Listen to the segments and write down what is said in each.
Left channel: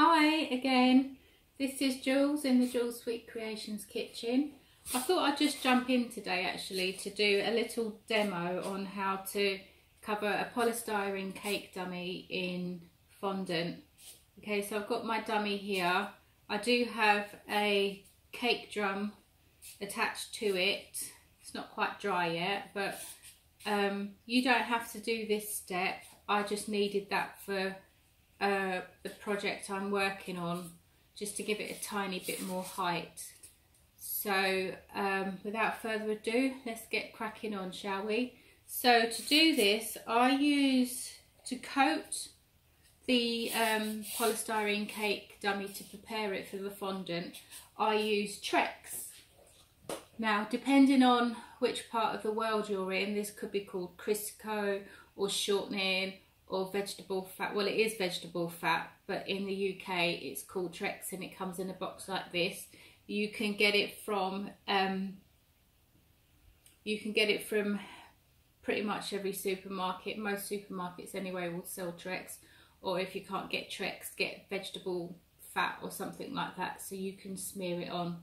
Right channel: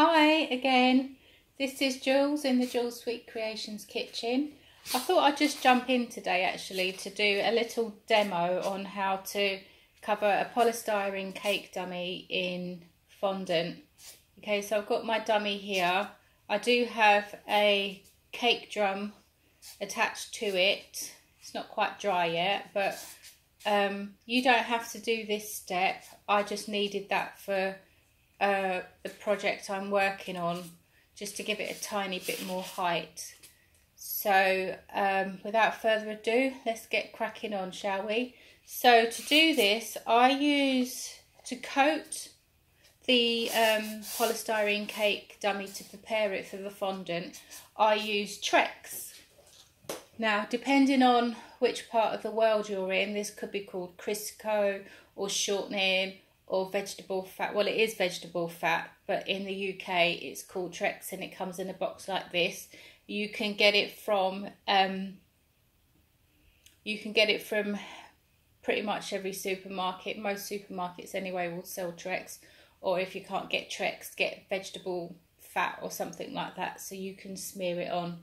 Hi again, this is Jules in the Jules Sweet Creations kitchen. I thought I'd just jump in today actually to do a little demo on how to cover a polystyrene cake dummy in fondant. Okay, so I've got my dummy here. I do have a cake drum attached to it. It's not quite dry yet, but you don't have to do this step. I just needed that for the project I'm working on, just to give it a tiny bit more height. So without further ado, let's get cracking on, shall we? So to do this, to coat the polystyrene cake dummy to prepare it for the fondant, I use Trex. Now, depending on which part of the world you're in, this could be called Crisco or shortening or vegetable fat. Well, it is vegetable fat, but in the UK it's called Trex and it comes in a box like this. You can get it from pretty much every supermarket. Most supermarkets anyway will sell Trex, or if you can't get Trex, get vegetable fat or something like that, so you can smear it on.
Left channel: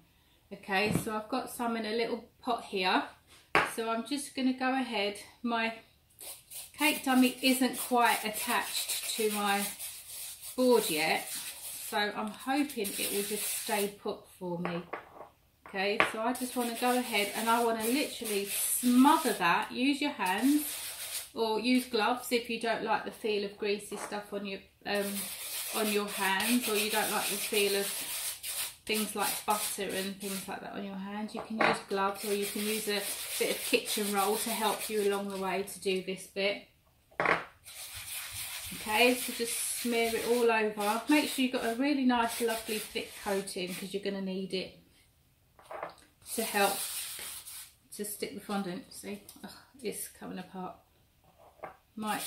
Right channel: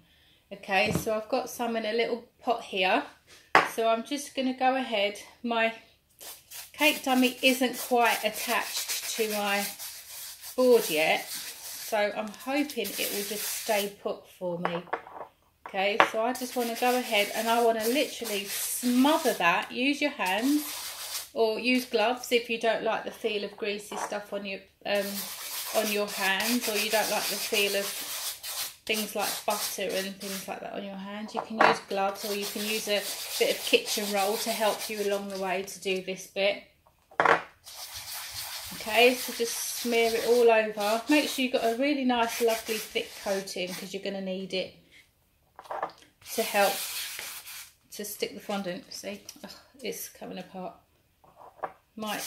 Okay, so I've got some in a little pot here, so I'm just going to go ahead. My cake dummy isn't quite attached to my board yet, so I'm hoping it will just stay put for me. Okay, so I just want to go ahead and I want to literally smother that. Use your hands or use gloves if you don't like the feel of greasy stuff on your hands, or you don't like the feel of things like butter and things like that on your hands. You can use gloves, or you can use a bit of kitchen roll to help you along the way to do this bit. Okay, so just smear it all over. Make sure you've got a really nice lovely thick coating, because you're going to need it to help to stick the fondant. See, it's coming apart. Might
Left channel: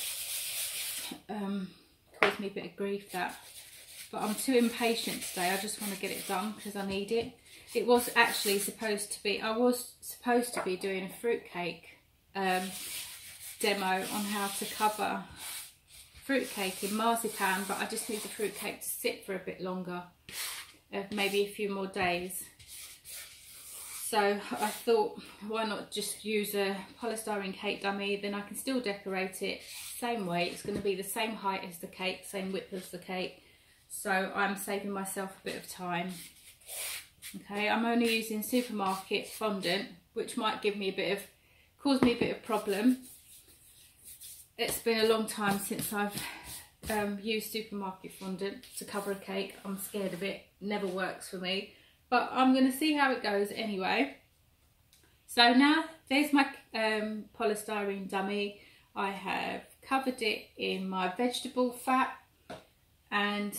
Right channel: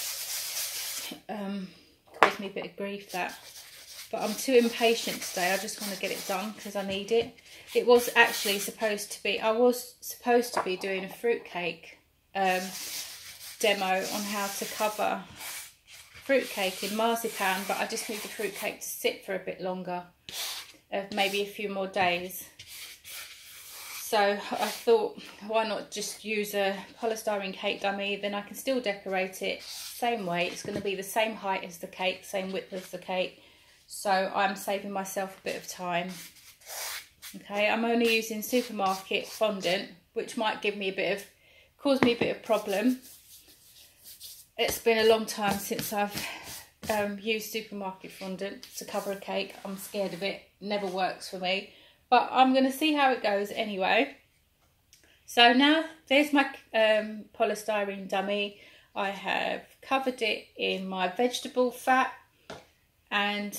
cause me a bit of grief, that. But I'm too impatient today. I just want to get it done because I need it. It was actually supposed to be, I was supposed to be doing a fruitcake demo on how to cover fruitcake in marzipan, but I just need the fruitcake to sit for a bit longer, maybe a few more days. So I thought, why not just use a polystyrene cake dummy, then I can still decorate it same way. It's going to be the same height as the cake, same width as the cake. So I'm saving myself a bit of time. Okay, I'm only using supermarket fondant, which might cause me a bit of problem. It's been a long time since I've used supermarket fondant to cover a cake. I'm scared of it, never works for me. But I'm going to see how it goes anyway. So now there's my polystyrene dummy. I have covered it in my vegetable fat, and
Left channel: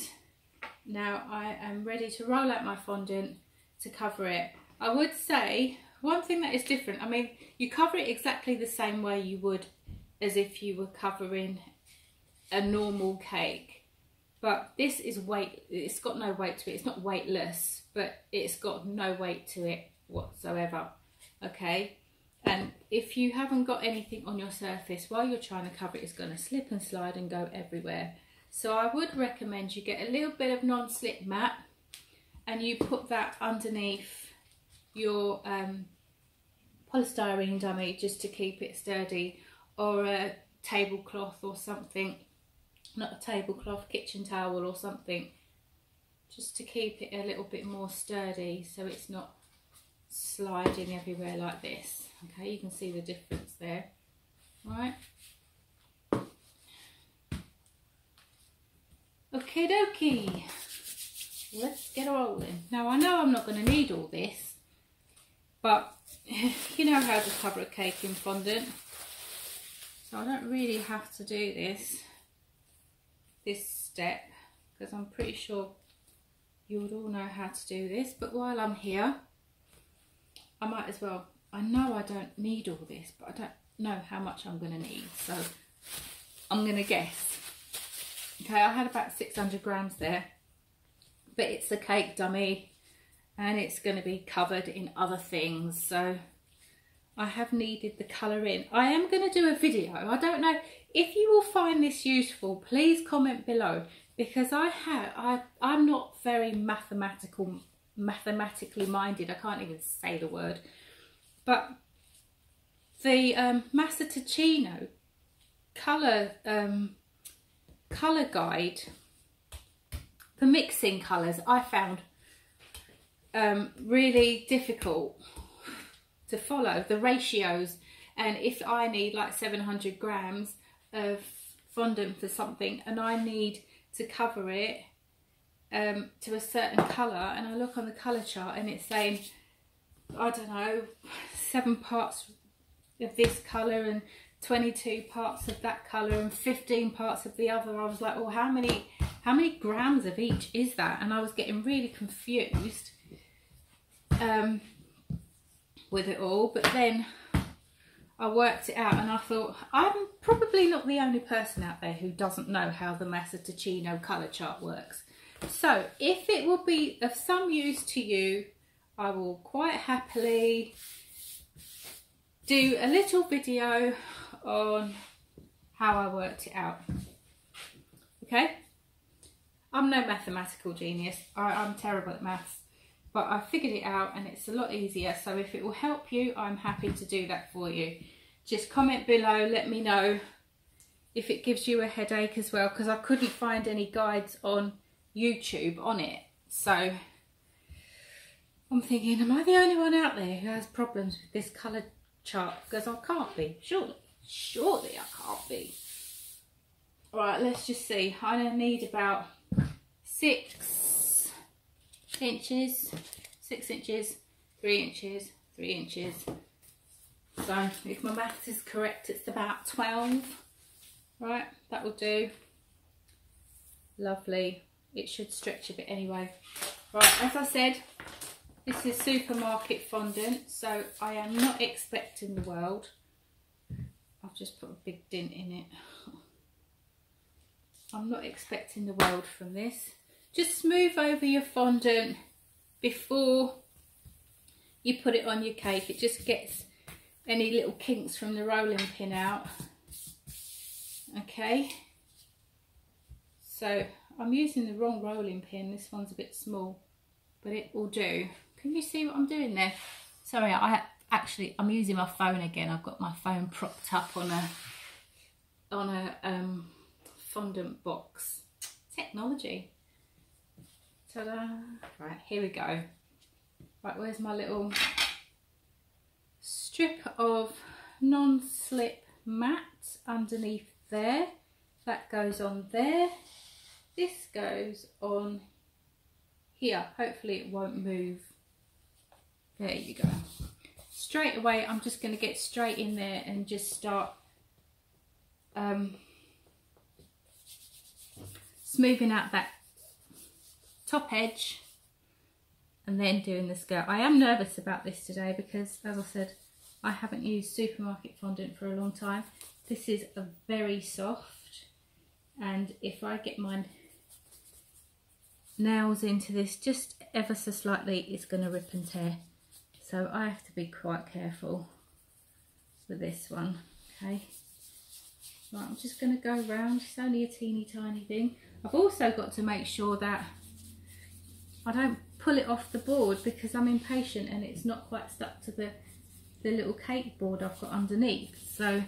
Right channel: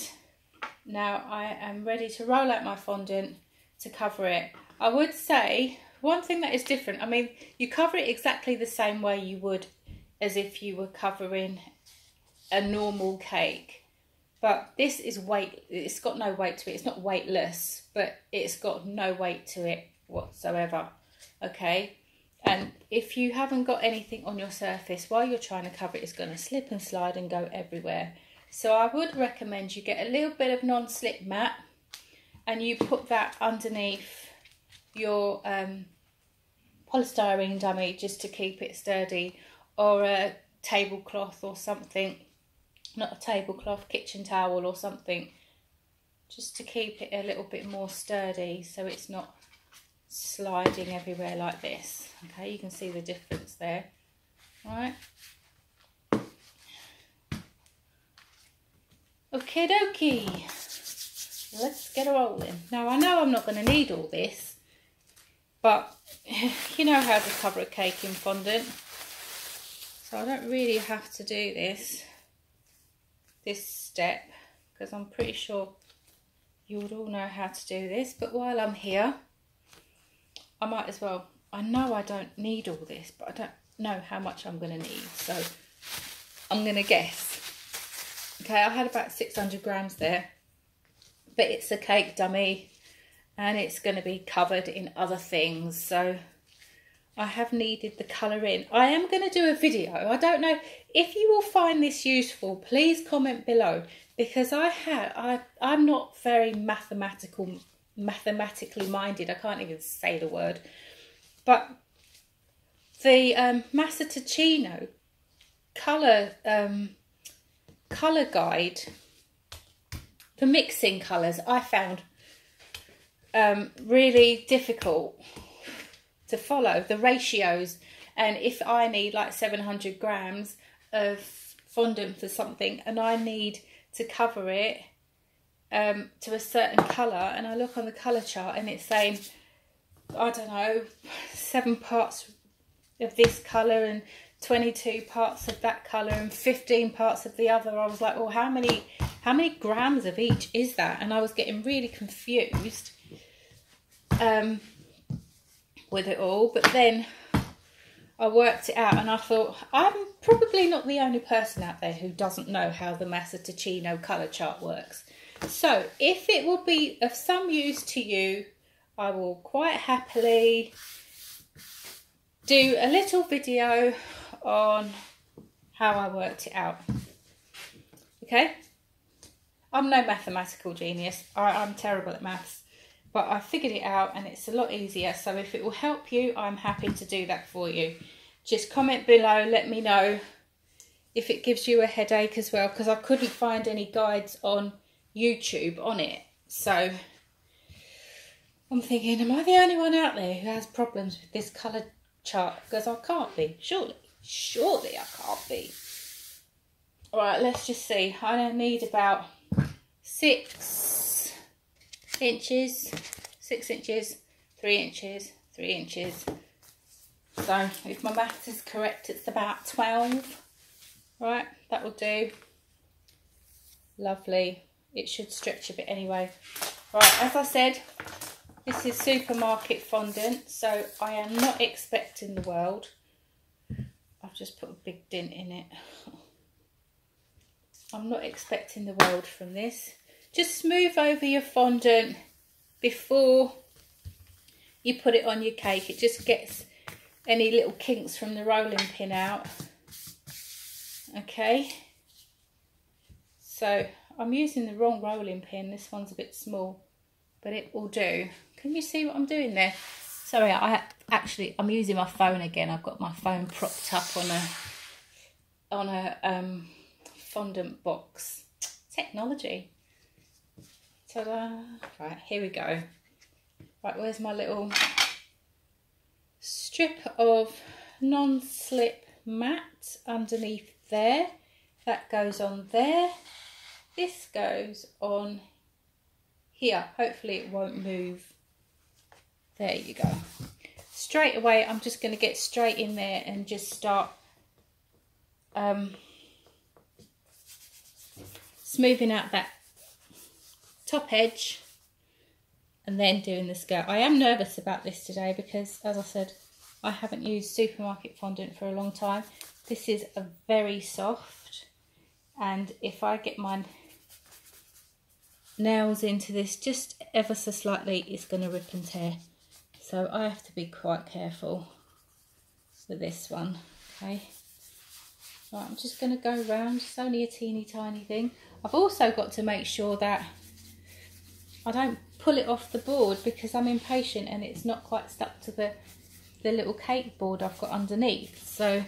now I am ready to roll out my fondant to cover it. I would say one thing that is different, I mean, you cover it exactly the same way you would as if you were covering a normal cake. But this is it's got no weight to it. It's not weightless, but it's got no weight to it whatsoever. Okay, and if you haven't got anything on your surface while you're trying to cover it, it's going to slip and slide and go everywhere. So I would recommend you get a little bit of non-slip mat and you put that underneath your polystyrene dummy just to keep it sturdy, or a tablecloth or something. Not a tablecloth, kitchen towel or something, just to keep it a little bit more sturdy so it's not sliding everywhere like this. Okay, you can see the difference there. All right. Okie dokie, let's get rolling. Now I know I'm not going to need all this, but you know how to cover a cake in fondant, so I don't really have to do this step, because I'm pretty sure you would all know how to do this. But while I'm here, I might as well. I know I don't need all this, but I don't know how much I'm going to need, so I'm going to guess. Okay, I had about 600 grams there, but it's a cake dummy and it's going to be covered in other things, so I have needed the colour in. I am going to do a video. I don't know if you will find this useful. Please comment below. because I'm not very mathematically minded. I can't even say the word. But the Massaticino colour guide for mixing colours I found really difficult to follow the ratios, and if I need like 700 grams of fondant for something and I need to cover it to a certain colour, and I look on the colour chart and it's saying, I don't know, 7 parts of this colour and 22 parts of that colour and 15 parts of the other, I was like, well, how many grams of each is that? And I was getting really confused with it all. But then I worked it out and I thought, I'm probably not the only person out there who doesn't know how the Massaticino colour chart works. So if it will be of some use to you, I will quite happily do a little video on how I worked it out. Okay? I'm no mathematical genius. I'm terrible at maths. But I figured it out and it's a lot easier. So if it will help you, I'm happy to do that for you. Just comment below, let me know if it gives you a headache as well, because I couldn't find any guides on YouTube on it. So I'm thinking, am I the only one out there who has problems with this colour chart? Because I can't be, surely I can't be. Alright, let's just see. I need about 6 inches, 6 inches, 3 inches, 3 inches. So if my maths is correct, it's about 12. Right, that will do. Lovely. It should stretch a bit anyway. Right, as I said, this is supermarket fondant, so I am not expecting the world. I've just put a big dent in it. I'm not expecting the world from this. Just smooth over your fondant before you put it on your cake. It just gets any little kinks from the rolling pin out. Okay. So I'm using the wrong rolling pin. This one's a bit small, but it will do. Can you see what I'm doing there? Sorry, I'm using my phone again. I've got my phone propped up on a fondant box. Technology. Ta-da! Right, here we go. Right, where's my little strip of non-slip mat underneath there? That goes on there. This goes on here. Hopefully it won't move. There you go. Straight away, I'm just going to get straight in there and just start smoothing out that top edge and then doing the skirt. I am nervous about this today because, as I said, I haven't used supermarket fondant for a long time. This is a very soft, and if I get my nails into this just ever so slightly, it's going to rip and tear. So I have to be quite careful with this one. Okay. Right, I'm just going to go round. It's only a teeny tiny thing. I've also got to make sure that I don't pull it off the board because I'm impatient and it's not quite stuck to the little cake board I've got underneath. So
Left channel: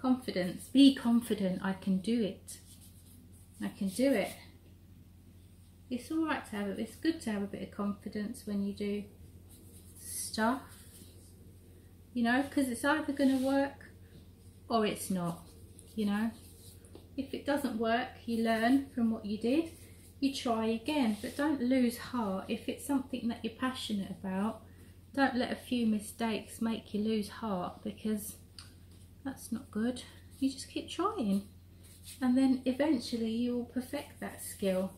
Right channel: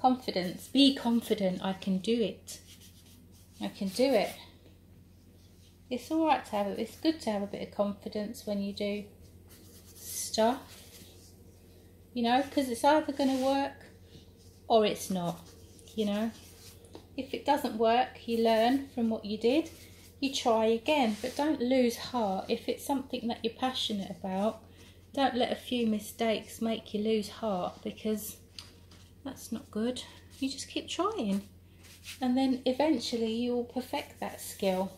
confidence, be confident. I can do it. I can do it. It's all right to have it. It's good to have a bit of confidence when you do stuff, you know, because it's either going to work or it's not, you know. If it doesn't work, you learn from what you did, you try again, but don't lose heart. If it's something that you're passionate about, don't let a few mistakes make you lose heart, because that's not good. You just keep trying, and then eventually you will perfect that skill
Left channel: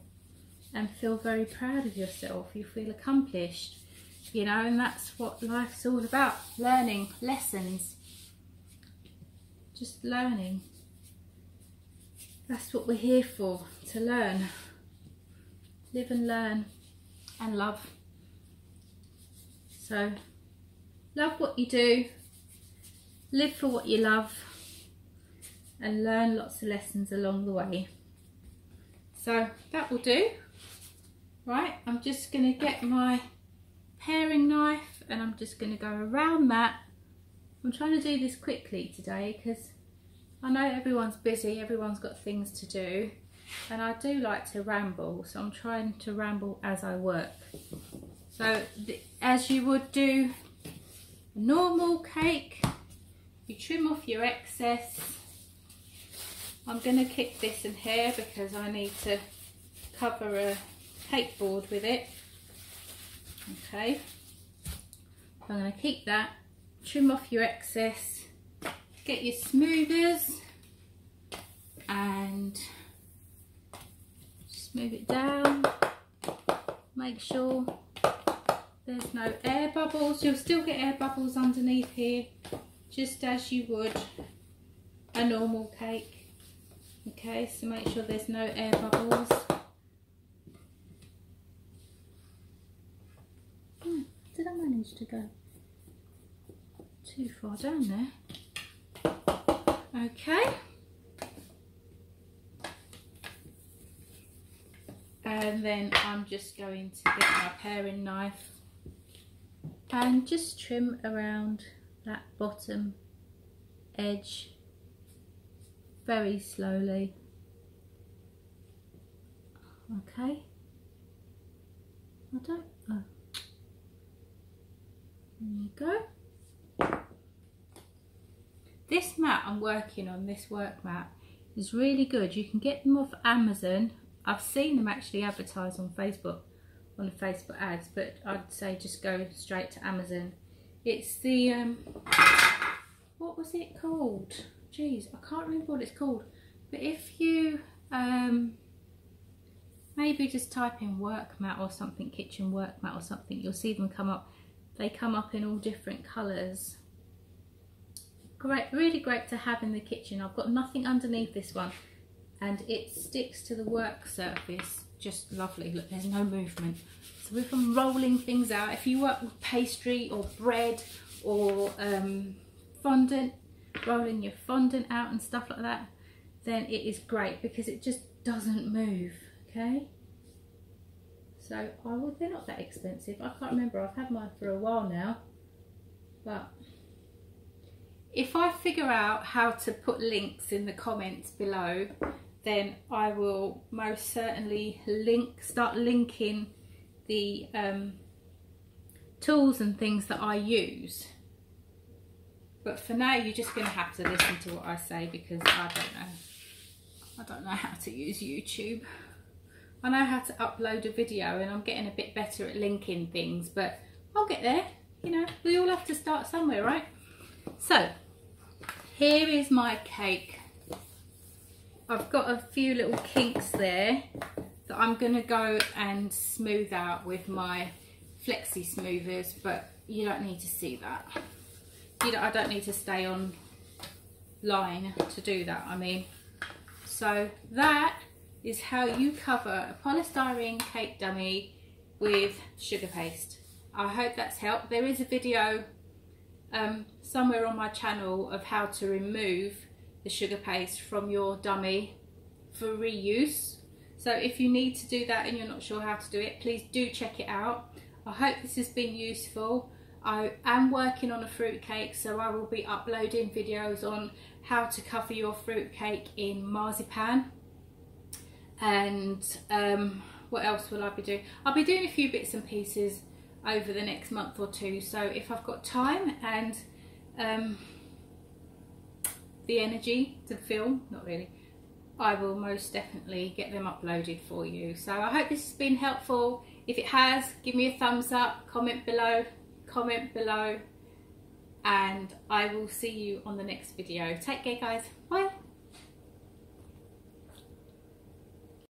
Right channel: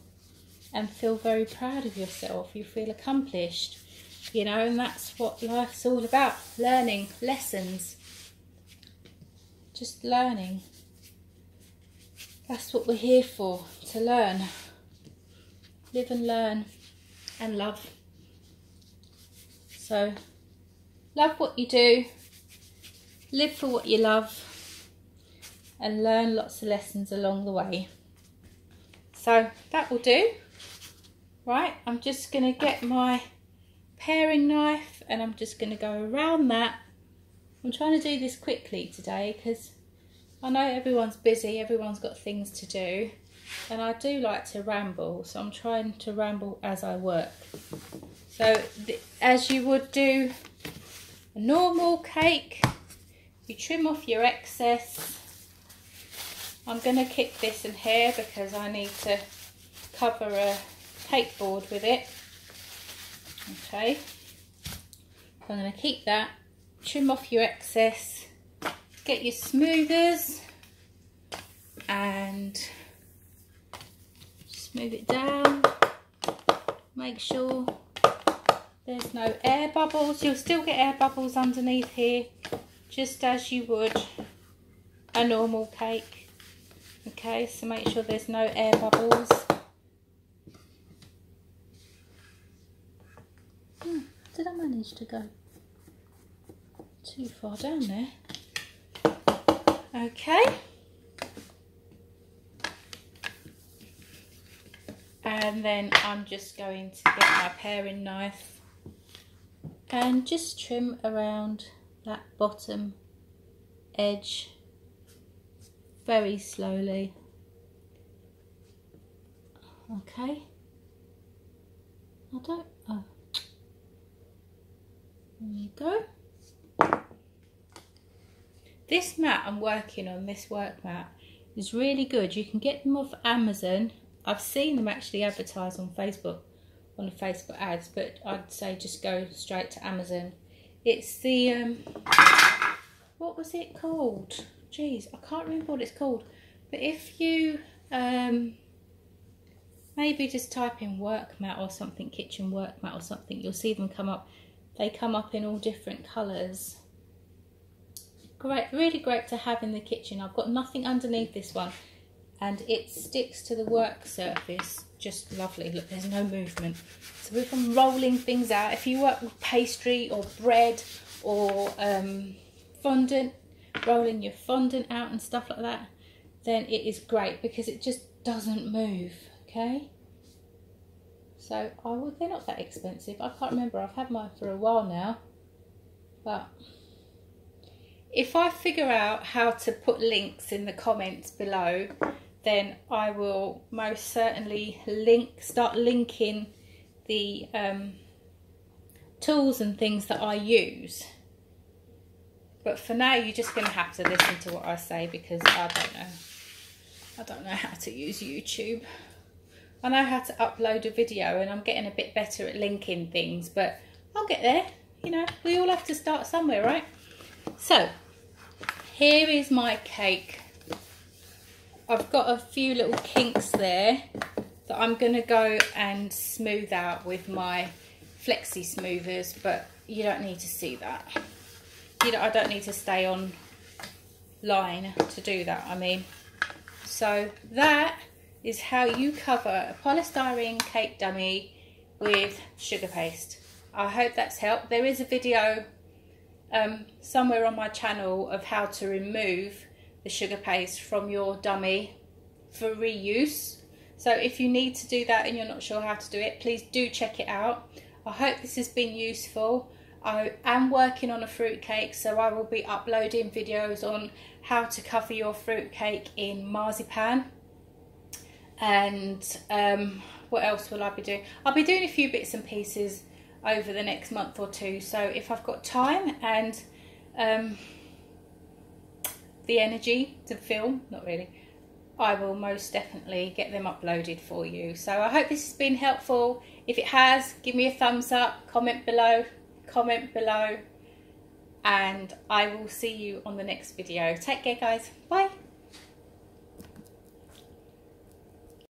and feel very proud of yourself. You feel accomplished, you know, and that's what life's all about. Learning, lessons, just learning. That's what we're here for, to learn. Live and learn and love. So, love what you do, live for what you love, and learn lots of lessons along the way. So that will do. Right, I'm just going to get my paring knife and I'm just going to go around that. I'm trying to do this quickly today because I know everyone's busy, everyone's got things to do, and I do like to ramble, so I'm trying to ramble as I work. So as you would do a normal cake, you trim off your excess. I'm going to keep this in here because I need to cover a cake board with it. Okay, so I'm going to keep that. Trim off your excess, get your smoothers and smooth it down. Make sure there's no air bubbles. You'll still get air bubbles underneath here, just as you would a normal cake. Okay, so make sure there's no air bubbles. Did I manage to go too far down there? Okay. And then I'm just going to get my paring knife and just trim around that bottom edge very slowly. Okay. Oh. There you go. This mat I'm working on, this work mat, is really good. You can get them off Amazon. I've seen them actually advertised on Facebook, on the Facebook ads, but I'd say just go straight to Amazon. It's the, what was it called? Jeez, I can't remember what it's called. But if you maybe just type in work mat or something, kitchen work mat or something, you'll see them come up. They come up in all different colours. Great, really great to have in the kitchen. I've got nothing underneath this one and it sticks to the work surface. Just lovely. Look, there's no movement. So if I'm rolling things out, if you work with pastry or bread or fondant, rolling your fondant out and stuff like that, then it is great because it just doesn't move. Okay. So they're not that expensive. I can't remember. I've had mine for a while now. But if I figure out how to put links in the comments below, then I will most certainly start linking the tools and things that I use. But for now, you're just going to have to listen to what I say because I don't know how to use YouTube. I know how to upload a video and I'm getting a bit better at linking things, but I'll get there. You know, we all have to start somewhere, right? So, here is my cake. I've got a few little kinks there that I'm going to go and smooth out with my flexi smoothers, but you don't need to see that. I don't need to stay on line to do that, I mean. So that is how you cover a polystyrene cake dummy with sugar paste. I hope that's helped. There is a video somewhere on my channel of how to remove the sugar paste from your dummy for reuse. So if you need to do that and you're not sure how to do it, please do check it out. I hope this has been useful. I am working on a fruit cake, so I will be uploading videos on how to cover your fruit cake in marzipan. And what else will I be doing? I'll be doing a few bits and pieces over the next month or two, so if I've got time and the energy to film, not really, I will most definitely get them uploaded for you. So I hope this has been helpful. If it has, give me a thumbs up, comment below, and I will see you on the next video. Take care guys, bye.